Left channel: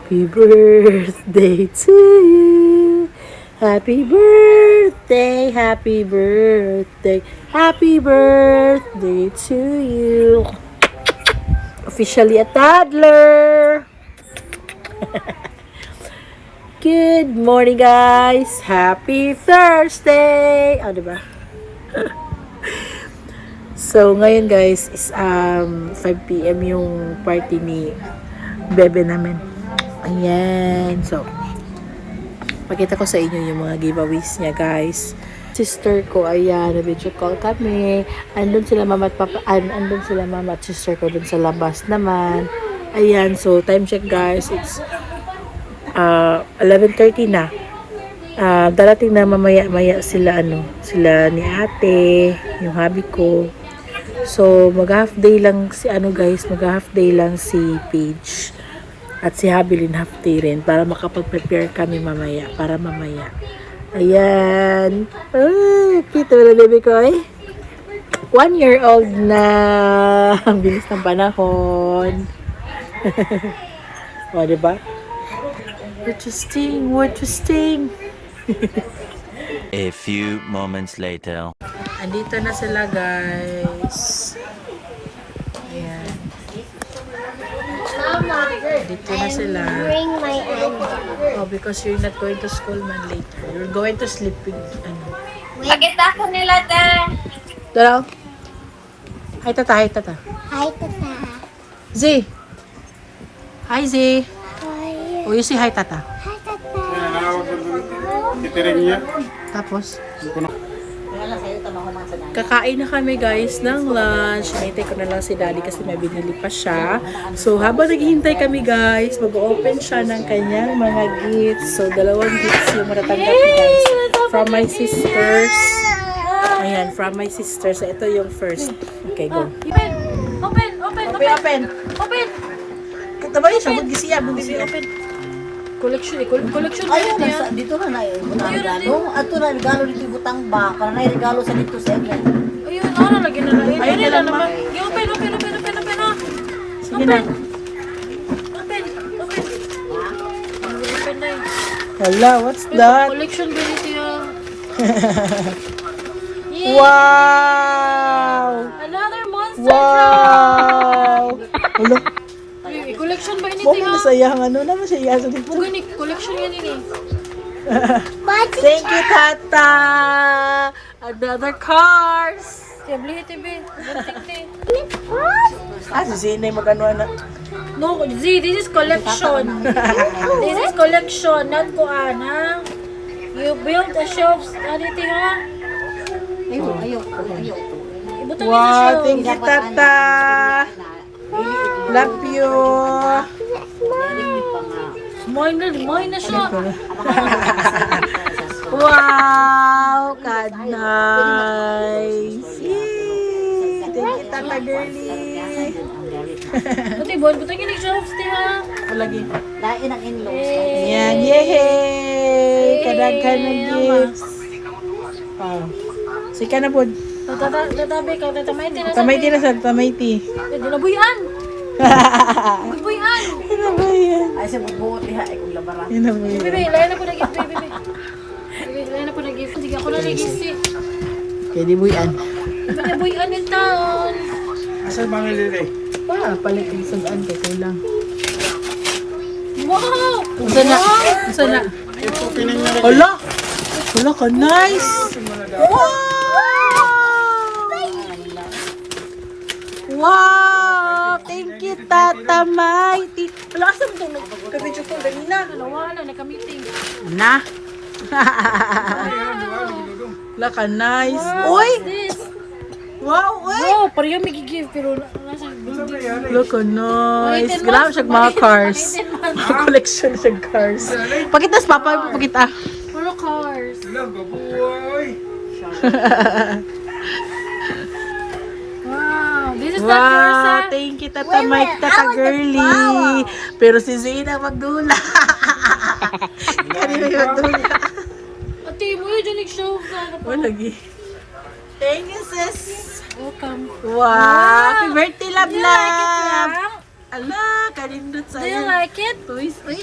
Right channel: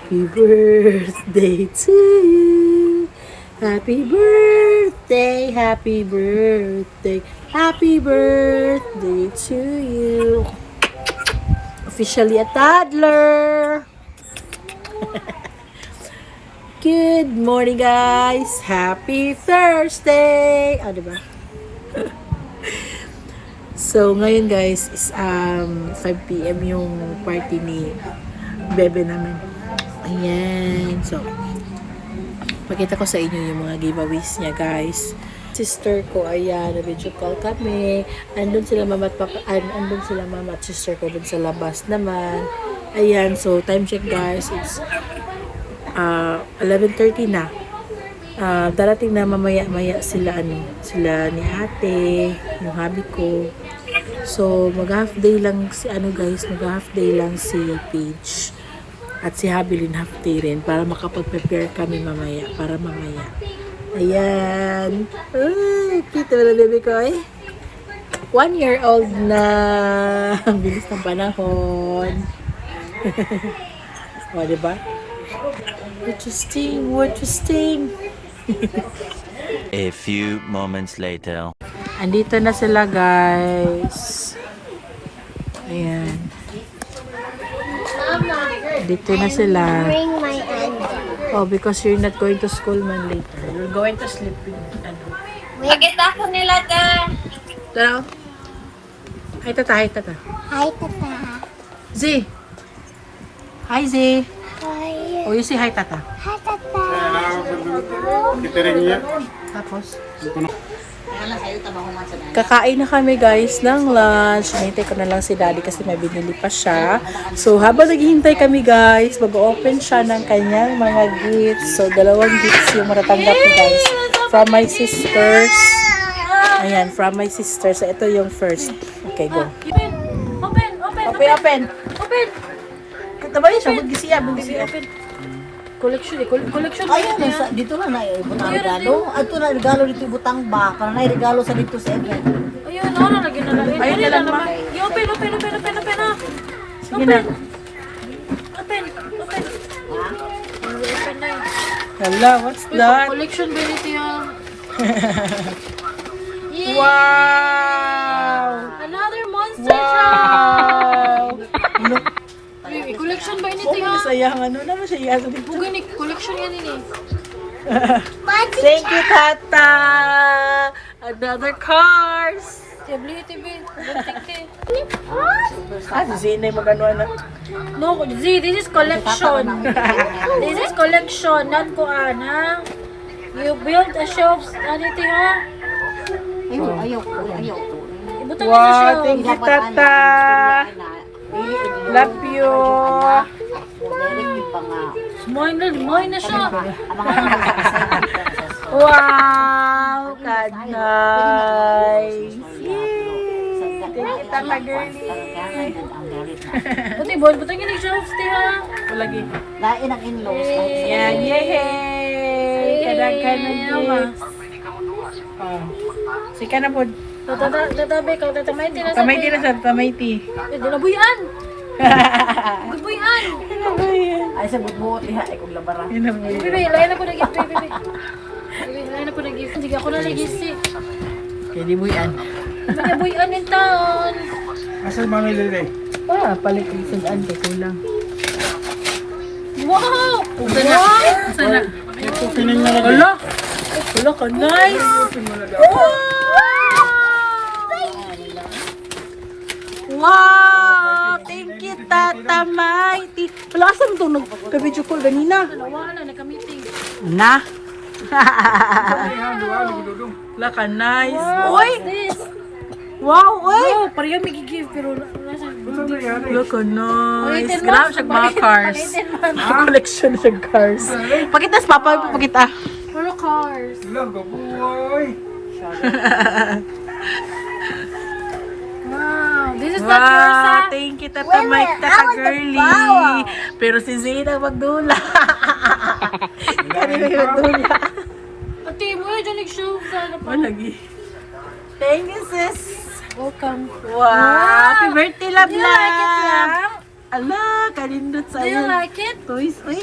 Happy birthday to you. Happy birthday, happy birthday, happy birthday to you. Officially a toddler. Good morning, guys. Happy Thursday. Diba? So, ngayon guys is 5 PM yung party ni bebe namin. Ayan. So, pakita ko sa inyo yung mga giveaways niya, guys. Sister ko, ayan, na-video call kami. Andun sila mama at papa, andun sila mama at sister ko dun sa labas naman. Ayan, so time check, guys. It's 11:30 na. Darating na mamaya-maya sila, sila ni ate, yung hubby ko. So, mag-half day lang si, guys, mag-half day lang si Paige. At si Habilin half day rin para makapag-prepare kami mamaya. Ayan. Oh, cute na baby ko eh. 1 year old na. Ang bilis ng panahon. O, diba? We're twisting. A few moments later. Andito na sila, guys. Ayan. Dito na sila. Bring my anger. Oh, because you're not going to school man later. You're going to sleep with Pakita ko nila to. Dalaw. Hi, tata. Hi, tata. Z. Hi, Z. Hi. Oh, you say hi, tata. Hi, tata. Tapos, kakain na kami, guys, ng lunch. Hinintay ko na lang si daddy kasi may binili pa siya. So, habang naghihintay kami, guys, mag-open siya ng kanyang mga gifts. So, 2 gifts yung matatanggap ni guys. From my sisters. Ayan, from my sisters. So, ito yung first. Okay, go. Open. Taba yun siya, mag-gisiya. Open. Collection ba yun niya? Dito na na regalo. Ato na regalo dito butang ba. Kana na regalo sa dito sa event. Ayun, lagi na lang. Ayun na lang naman. Open. Sige na. Open na yun. Hala, what's that? Collection bility ah. Wow! Another monster Wow! Hala, truck. Collection ba ini mo tinga? masayang naman siya sa dito. Bugani, collection yan ini. Thank you, Tata! Another cars! Tabli TV. Si Zine magano na. No, Z, this is collection. This is collection, not kuan ha. You build a shelf, anything ha? Ayaw. Ibutang na sa Wow, shelf. thank you, Tata! Love you! Moy na siya. Wow! God, nice! Yay! Thank you, Tata girly! Buti, boy, butang yung shelf, ha? Lagi. Lain ang in-laws. Yan, yay! Kadaghan ng gifts. Oh. Sika na po. Tatabi ka, tatamayti na sa Tamayti na sa tamayti. Dinabuyan! Dinabuyan! Ay sa buot liha ay kung labara. Yun na po yun. Bibi, layan ako na gift, bibi. Bibi, layan ako na gift. Sige, ako na nag-gift. Kaya di buyan. Dinabuyan yung taon. Asa mami lili? Palit ang sudan kay kulang. Wow! Asa na? Hala! Hala ka, nice! Wow! Thank you, Tata Mighty! Hala, asan ito? Nagka-video call ganina. Dalawa na, nagka-meeting. Na! Hala ka, nice! Uy! This? Wow! Uy! Oh, parehong may give pero nasa Hala ka, nice! Pangaitin mo. Grabe siya mga cars. Pangaitin man. Collection siya cars. Pakita sa papa, pakita. Ano cars? Wow, this is not yours, Wow, ha? thank you, Tata Mike, Tata Girly. Pero si Zina magdula. Kanina yung magdula. Ate, mo yun nag-show ka. Oh, lagi. Thank you, sis. Welcome. Wow, happy birthday, love, You like it love. lang? Ala, kalindot Do you sa'yo. like it? Toys, uy.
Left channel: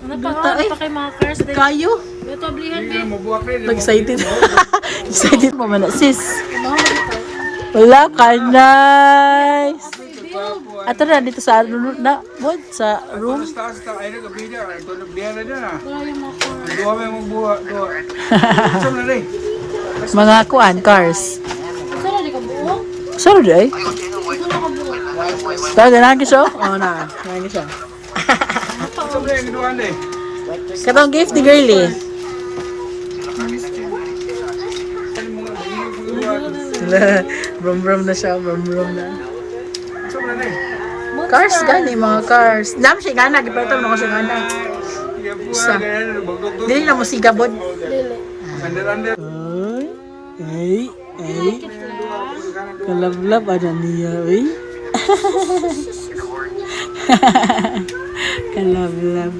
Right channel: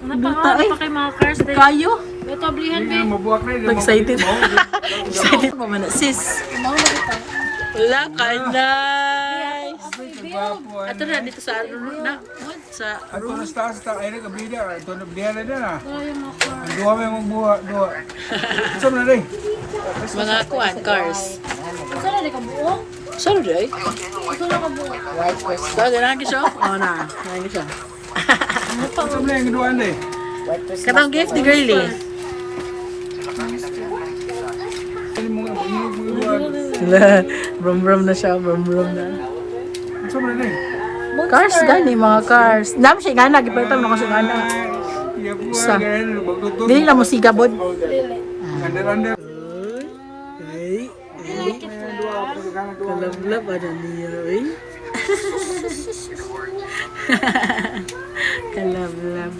Ano Duta, pa eh. kay mga cars? Kayo. Ito, blihan, babe. Excited. Excited mo man, sis. Wala ka, nice. Ato na, dito sa what? Sa room. Wala yung mga cars. Mga kuan, cars. Saan na di ka buo? Sorry, ay. Ito na ka buo. Talaga na siya? Oo na, na siya. Katong gift ni girly. Brum-brum na siya, brum-brum na. Cars gani, mga cars. Nam siya gana, gipalitan mo na ko siya gana. Isa. Dili na mo sigabod. Dili. Ay, ay. Like it lang. Kalablab, ano niya, ay. Kalablab.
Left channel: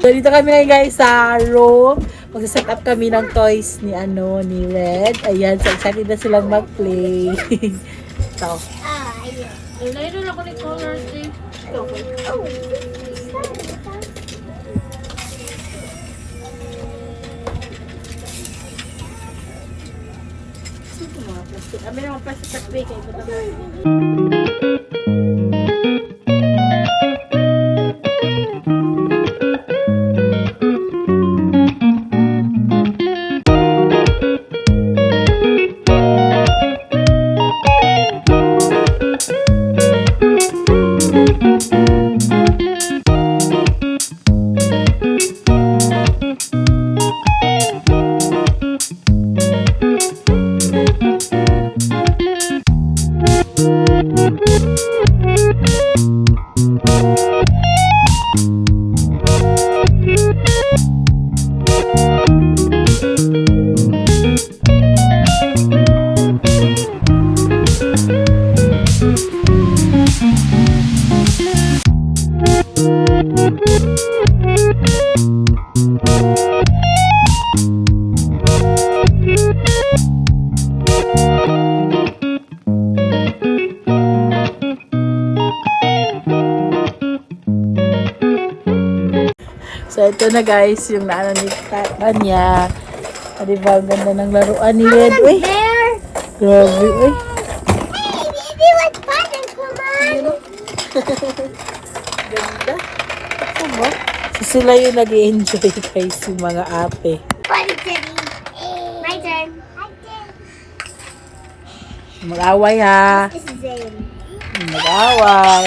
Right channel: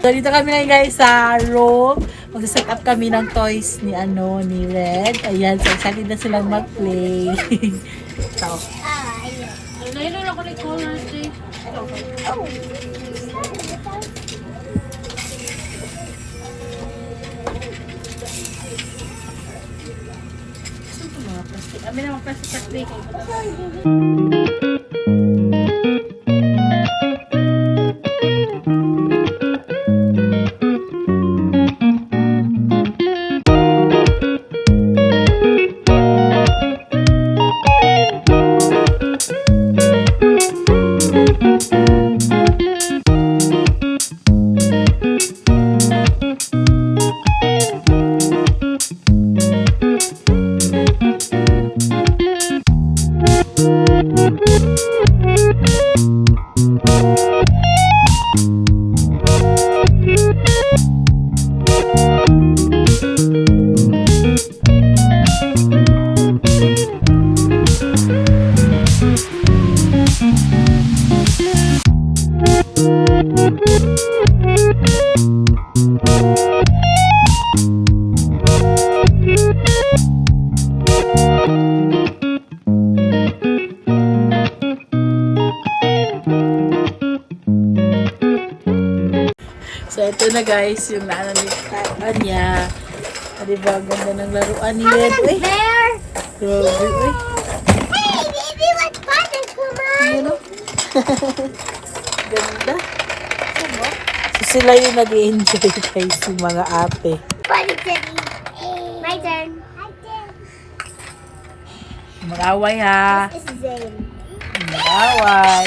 So, dito kami na guys sa room. Magsaset up kami ng toys ni ni Red. Ayan, so excited na silang mag-play. So, Layro lang ko ni colors, eh. Abi naman pa sa speaker. So, ito na guys, yung naano ni Papa niya. Ah, diba, ganda ng laruan ni Red. Uy, Bear. grabe, uy. Hey, baby, let's button. Come on. So, sila yung nag-i-enjoy guys, yung mga ate. Button city. My turn. Mag-away ha. This is Zane. Mag-away.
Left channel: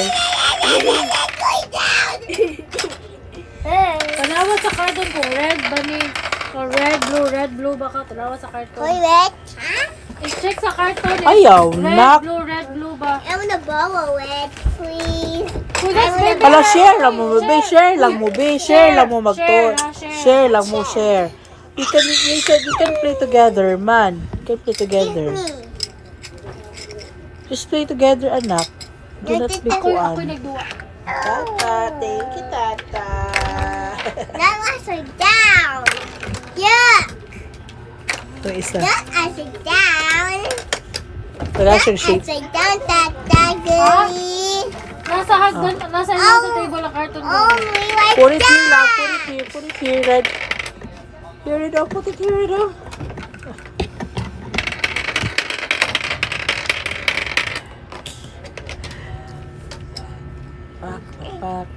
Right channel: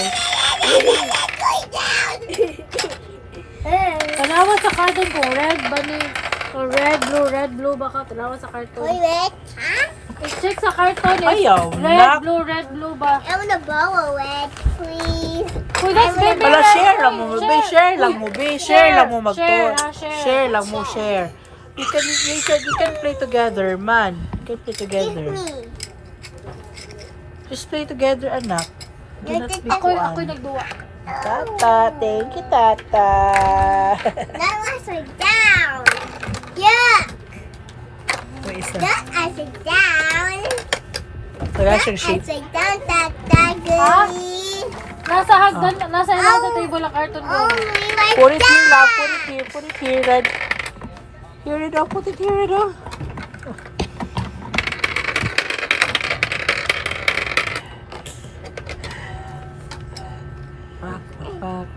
Hey. Tanawa sa cartoon ko, red ba ni? O red, blue baka. Tanawa sa cartoon. Toilet. Huh? I-check sa cartoon eh. Ayaw, nak. Red, blue ba? I want to borrow it, please. Uy, that's good. Ala, share lang mo, be. Share lang mo, be. Share lang mo mag-tour. Share. Share lang mo, share. You can play together, man. You can play together. Me. Just play together, anak. Do not be Ako'y kuan. nagduwa. Tata, thank you, Tata. That upside down. Yeah. Ito isa. That upside down. Wala siyang shape. Upside down, Tata. Good. Nasa hagdan, nasa table ang cartoon ko. Only like Put it here that. lang. Put it here, Red. Here it up. Put it here, Red. Pak.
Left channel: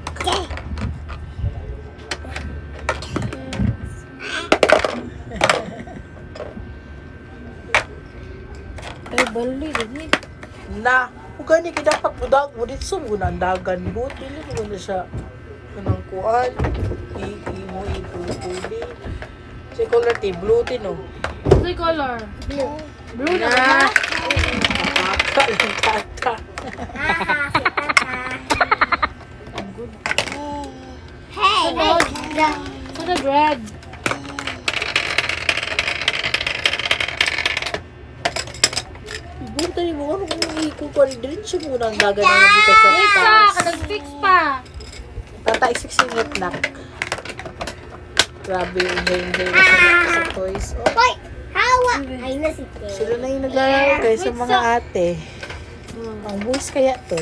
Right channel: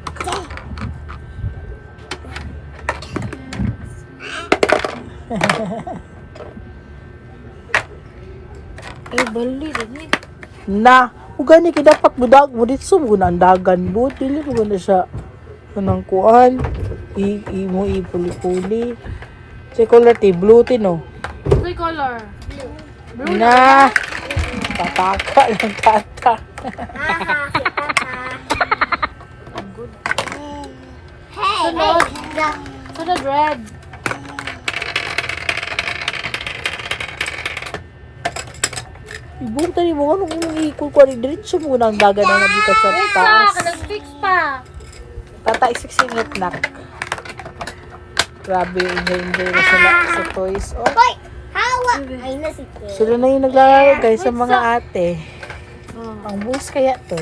Bali, rin. Na, ugani ka dapat budag mo dito mo ang dagan mo. Dili mo na siya kanang kuan. Imo ipuli-puli. Si color ti blue ti no. Blue color. Blue Na. Tataka lang tata. Hey. Sunod red. Ibong tayo mo ano kung ikul ko rin diretso mo nang dagan na dito sa Isa, taas. kadag-fix pa. Tata isiksingit nak. Grabe, enjoy na sila sa toys. Oh, Wait. How? Ay, nasipin. sila na yung naglalaro guys sa mga ate. Ang bus kaya to.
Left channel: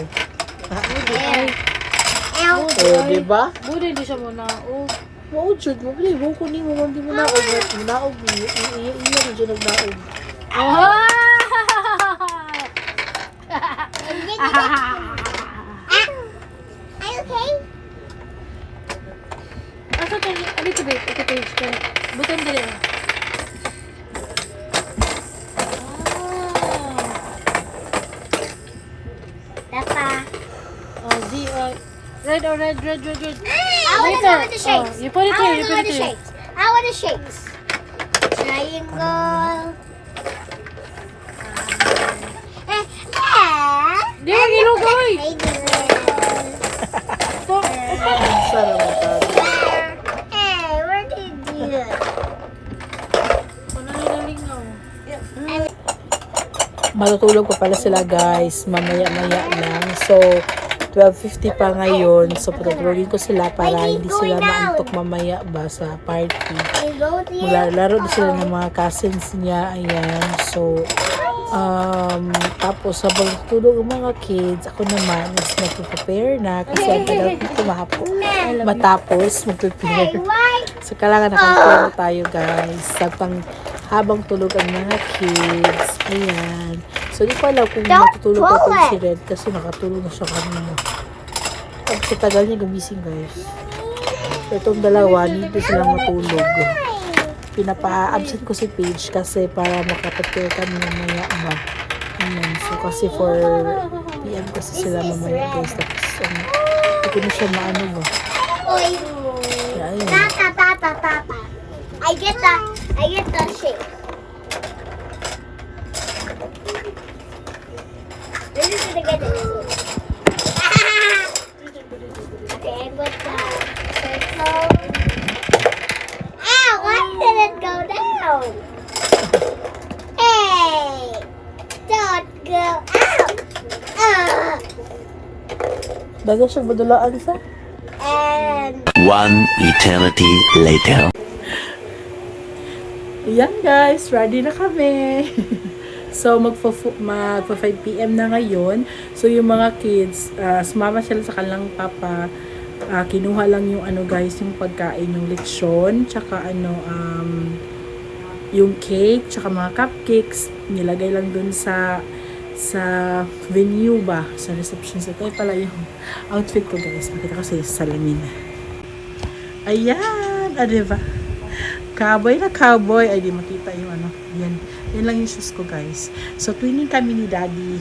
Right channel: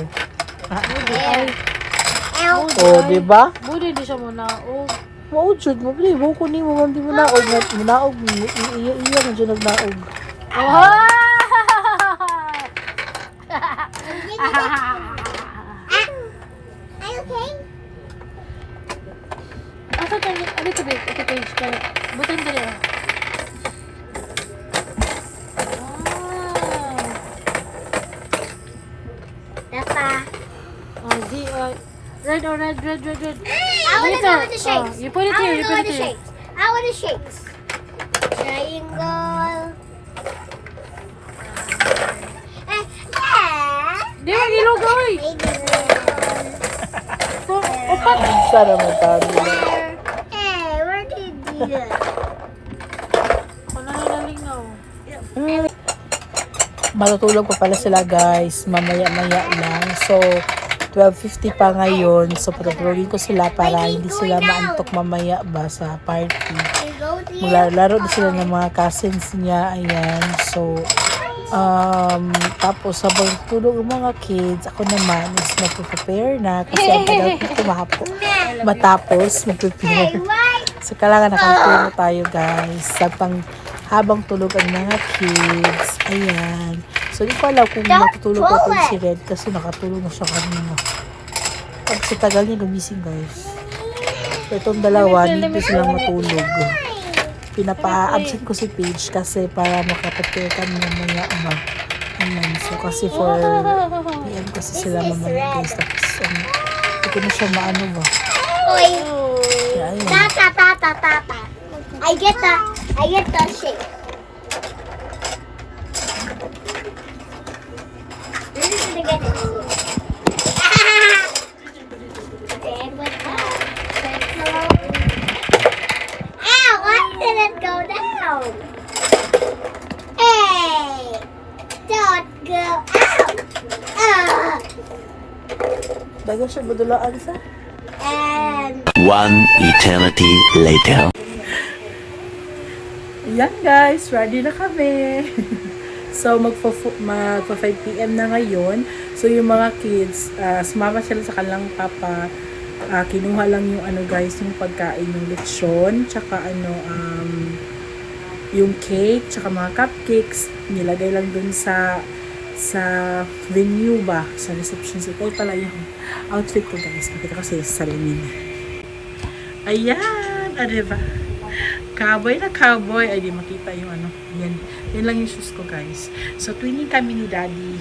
Oh, di ba? Buti di siya muna. Oh. Wow, jud mo gani, buko ni mo di mo naog, naog ni iya na jud nagnaog. Oh! Are you okay? Asa ka? Ano ka ba? Ito page ka. Butin dali. Papa. Oh, red or red. I want to know what the shapes. You put it I here, want you to know put what it the here. shapes. I want the shapes. Triangle. Di ba gilugoy? Sana man tayo. Hey, where did you? Ano na lingaw? Matutulog pa pala sila guys, mamaya-maya lang. So, 12:50 pa ngayon. So, patutulogin ko sila para hindi sila maantok mamaya ba sa party. We go to Maglalaro din sila ng mga cousins niya. Ayan. So, tapos habang tulog ang mga kids, ako naman is magpe-prepare na kasi ang tagal ko kumapo. Matapos mag-prepare. So, kailangan nakakuha tayo guys. Habang tulog ang mga kids. Ayan. So, di ko alam kung matutulog ko itong si Red kasi nakatulog na siya kanina. Pag sa tagal niya gumising guys. So, itong dalawa, hindi silang matulog. Pinapa-absent ko si Paige kasi para makaprepare kami mamaya ba. Ayan. So, kasi for PM kasi sila mamaya guys. Tapos, hindi ko na siya maano ba. Oi. Kaya, ayun. Ta. I get the shape. This is gonna get it. Then what's that? Circle. Ow! Why did it go down? Hey! Don't go out! Dagan siya badulaan sa. And One eternity later. Ayan guys, ready na kami. So magpa 5 PM na ngayon. So yung mga kids, sumama sila sa kanilang papa. Kinuha lang yung ano guys, yung pagkain, yung lechon, tsaka yung cake, tsaka mga cupcakes, nilagay lang dun sa venue ba, sa reception. So ito pala yung outfit ko guys. Nakita ko sa salamin. Ayan, diba? Cowboy na cowboy. Ay, di makita yung ano. Yan. Yan lang yung sus ko, guys. So, twinning kami ni Daddy.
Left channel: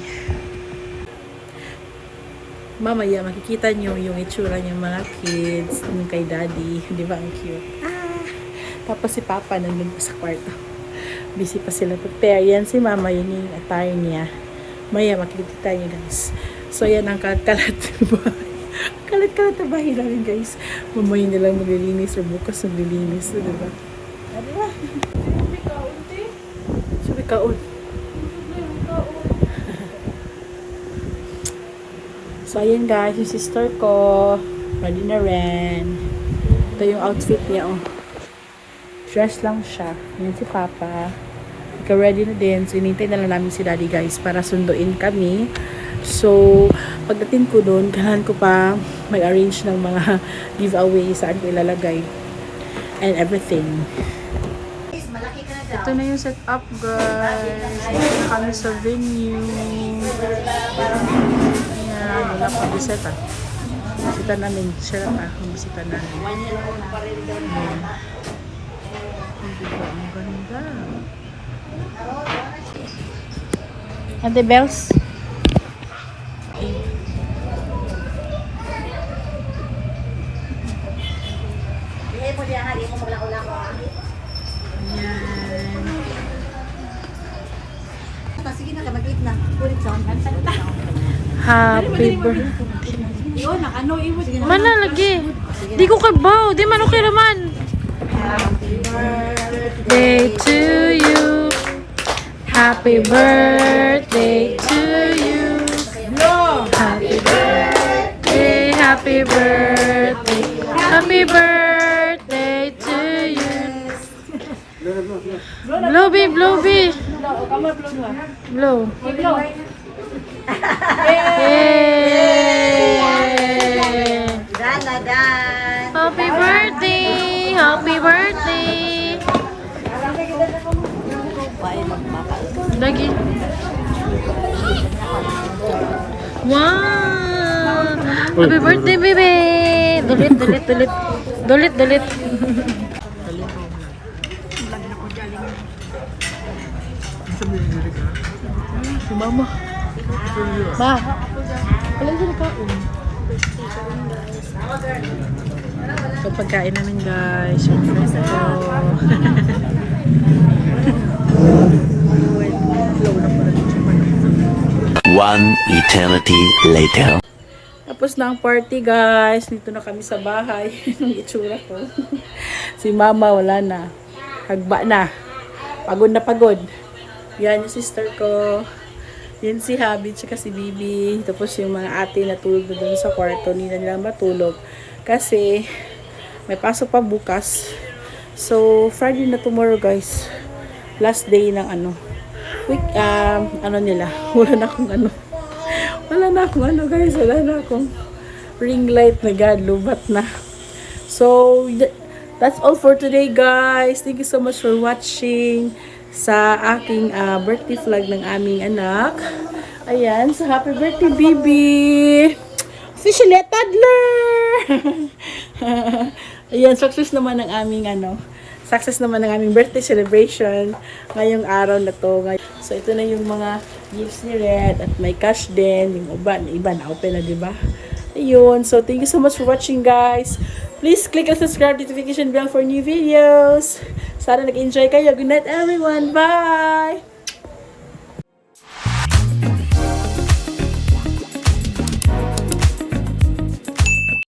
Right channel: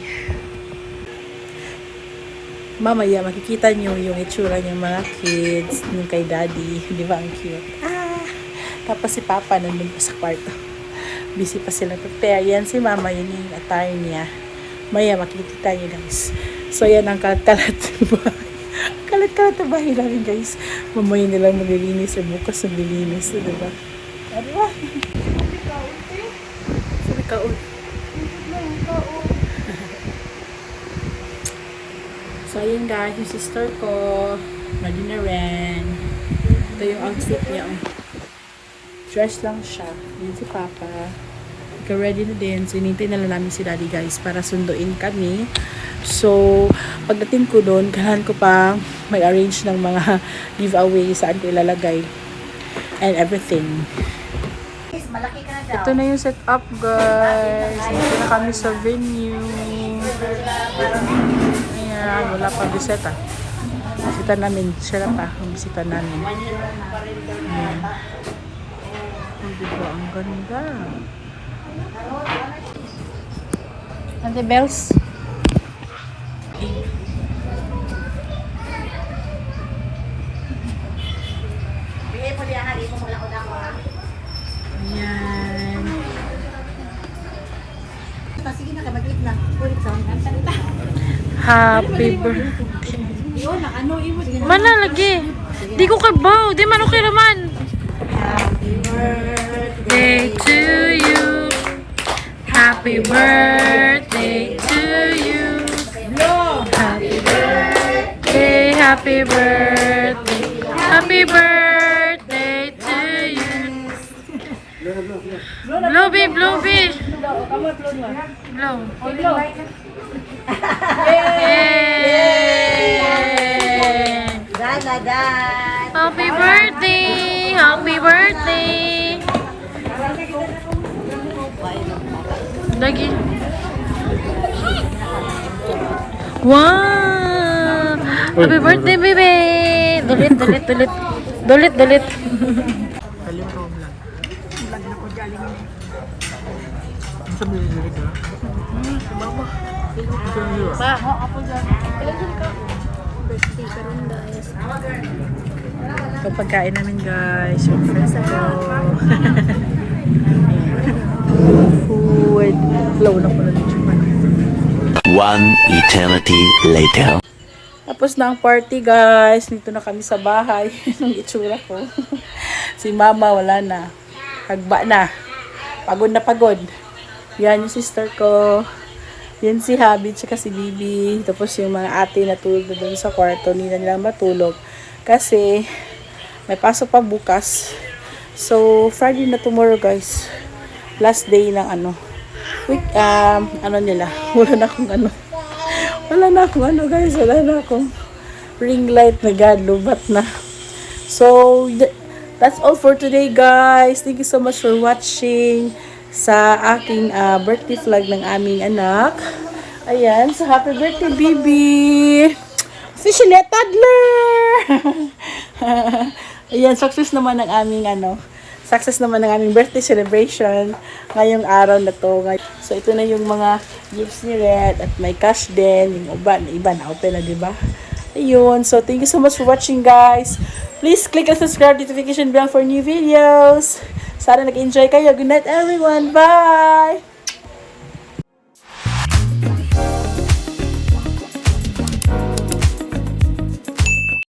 Mamaya, makikita nyo yung itsura ng mga kids nung kay Daddy. Di ba? Ang cute. Tapos si Papa nandun pa sa kwarto. Busy pa sila prepare. Yan si Mama. Yun yung attire niya. Maya, makikita nyo, guys. So, yan ang kalat-kalat kalat-kalat na bahay namin, guys. Mamaya nilang maglilinis or bukas maglilinis. Diba? Diba? Sabi kaon. So, ayun guys, yung sister ko, ready na rin. Ito yung outfit niya, oh. Dress lang siya. Yun si Papa. Ikaw ready na din. So, inintay na lang namin si Daddy, guys, para sunduin kami. So, pagdating ko doon, kailangan ko pa mag-arrange ng mga giveaway saan ko ilalagay and everything. Ito na yung setup, guys. Ito na kami sa venue. Ayan, wala pa bisita. Bisita namin. Siya pa ang bisita namin. Ayan. Diba, ang ganda. Ate Bells. Ayan. Sige na, mag-eat na. Ulit sa Happy birthday. Mana lagi? Di ko kabaw. Di man okay naman. Happy birthday to you. Happy birthday to you. Happy birthday. Happy birthday. Happy birthday to you. Blow, babe, blow, babe. Blow. Yay! Happy birthday! Happy birthday! Lagi. Wow! Happy birthday, baby! Dulit, dulit, dulit. Dulit, dulit. Si mama. Ma. So, pagkain na lang guys. Yung friends ko. Food. Flow na pala dito. One eternity later. Tapos na ang party guys. Dito na kami sa bahay. Yung itsura ko. Si mama wala na. Hagba na. Pagod na pagod. Yan yung sister ko. Yun si Habi, tsaka si Bibi. Tapos yung mga ate natulog na doon sa kwarto. Hindi na nila matulog. Kasi may pasok pa bukas. So, Friday na tomorrow guys. Last day ng ano nila. Wala na akong guys. Wala na akong ring light na God. Lubat na. So, that's all for today guys. Thank you so much for watching sa aking birthday vlog ng aming anak. Ayan, so happy birthday, Bibi! Officially a toddler! Ayan, success naman ng aming birthday celebration ngayong araw na to. So, ito na yung mga gifts ni Red at may cash din. Yung iba na open na, diba? Ayun, so thank you so much for watching guys. Please click and subscribe, notification bell for new videos. Sana nag-enjoy kayo. Good night everyone. Bye!